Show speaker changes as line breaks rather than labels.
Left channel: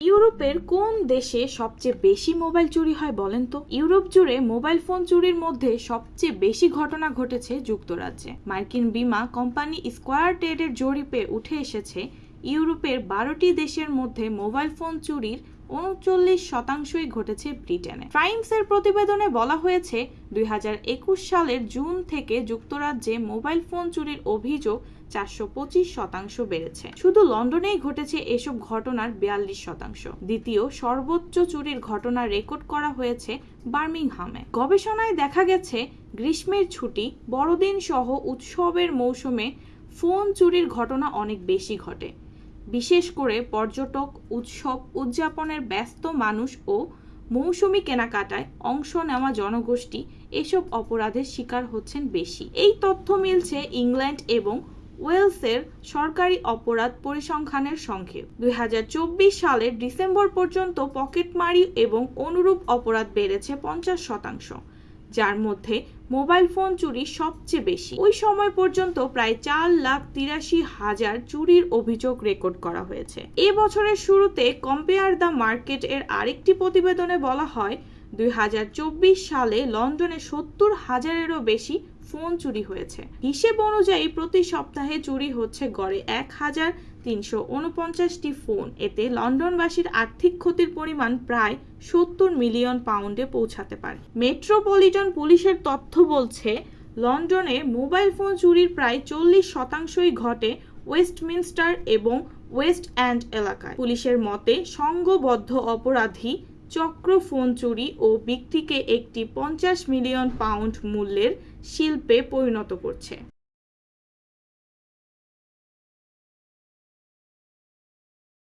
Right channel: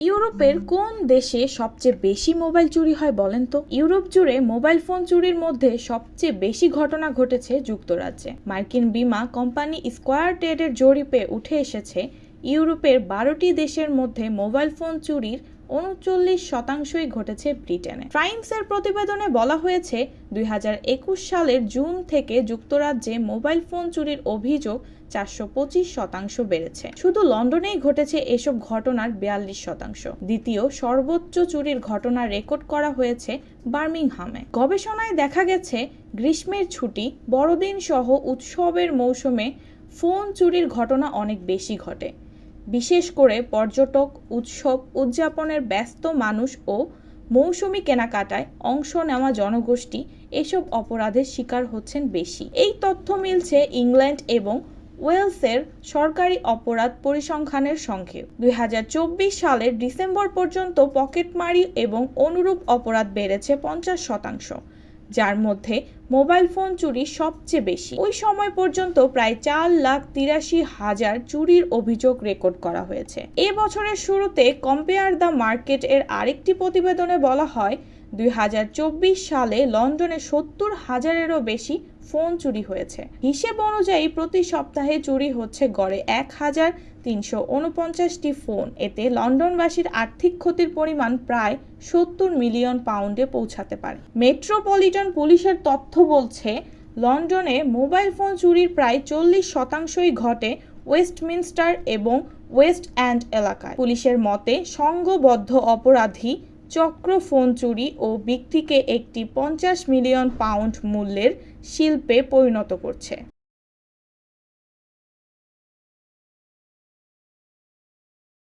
ইউরোপের কোন দেশে সবচেয়ে বেশি মোবাইল চুরি হয় বলেন তো? ইউরোপ জুড়ে মোবাইল ফোন চুরির মধ্যে সবচেয়ে বেশি ঘটনা ঘটেছে যুক্তরাজ্যে। মার্কিন বিমা কোম্পানি স্কোয়ার টেডের জরিপে উঠে এসেছে, ইউরোপের বারোটি দেশের মধ্যে মোবাইল ফোন চুরির উনচল্লিশ শতাংশই ঘটেছে ব্রিটেনে। ট্রাইমসের প্রতিবেদনে বলা হয়েছে, দুই হাজার একুশ সালের জুন থেকে যুক্তরাজ্যে মোবাইল ফোন চুরির অভিযোগ চারশো পঁচিশ শতাংশ বেড়েছে। শুধু লন্ডনেই ঘটেছে এসব ঘটনার বিয়াল্লিশ শতাংশ। দ্বিতীয় সর্বোচ্চ চুরির ঘটনা রেকর্ড করা হয়েছে বার্মিংহামে। গবেষণায় দেখা গেছে, গ্রীষ্মের ছুটি বড়দিন সহ উৎসবের মৌসুমে ফোন চুরির ঘটনা অনেক বেশি ঘটে। বিশেষ করে পর্যটক, উৎসব, উদযাপনের ব্যস্ত মানুষ ও মৌসুমি কেনাকাটায় অংশ নেওয়া জনগোষ্ঠী এসব অপরাধের শিকার হচ্ছেন বেশি। এই তথ্য মিলছে ইংল্যান্ড এবং ওয়েলসের সরকারি অপরাধ পরিসংখ্যানের সঙ্গে। দুই সালের ডিসেম্বর পর্যন্ত পকেটমারি এবং অনুরূপ অপরাধ বেড়েছে পঞ্চাশ শতাংশ। যার মধ্যে মোবাইল ফোন চুরি সবচেয়ে বেশি। ওই সময় পর্যন্ত প্রায় চার লাখ তিরাশি হাজার চুরির অভিযোগ রেকর্ড করা হয়েছে। এ বছরের শুরুতে কম্পেয়ার দ্য মার্কেট এর আরেকটি প্রতিবেদনে বলা হয় দুই হাজার চব্বিশ সালে লন্ডনে সত্তর হাজারেরও বেশি ফোন চুরি হয়েছে। হিসেব অনুযায়ী প্রতি সপ্তাহে চুরি হচ্ছে গড়ে এক হাজার তিনশো উনপঞ্চাশটি ফোন। এতে লন্ডনবাসীর আর্থিক ক্ষতির পরিমাণ প্রায় সত্তর মিলিয়ন পাউন্ডে পৌঁছাতে পারে। মেট্রোপলিটন পুলিশের তথ্য বলছে, লন্ডনে মোবাইল ফোন চুরির প্রায় চল্লিশ শতাংশই ঘটে ওয়েস্টমিনস্টার এবং ওয়েস্ট অ্যান্ড এলাকায়। পুলিশের মতে সংঘবদ্ধ অপরাধী চক্র ফোন চুরি ও বিক্রিকে একটি পঞ্চাশ মিলিয়ন পাউন্ড মূল্যের শিল্পে পরিণত করছে।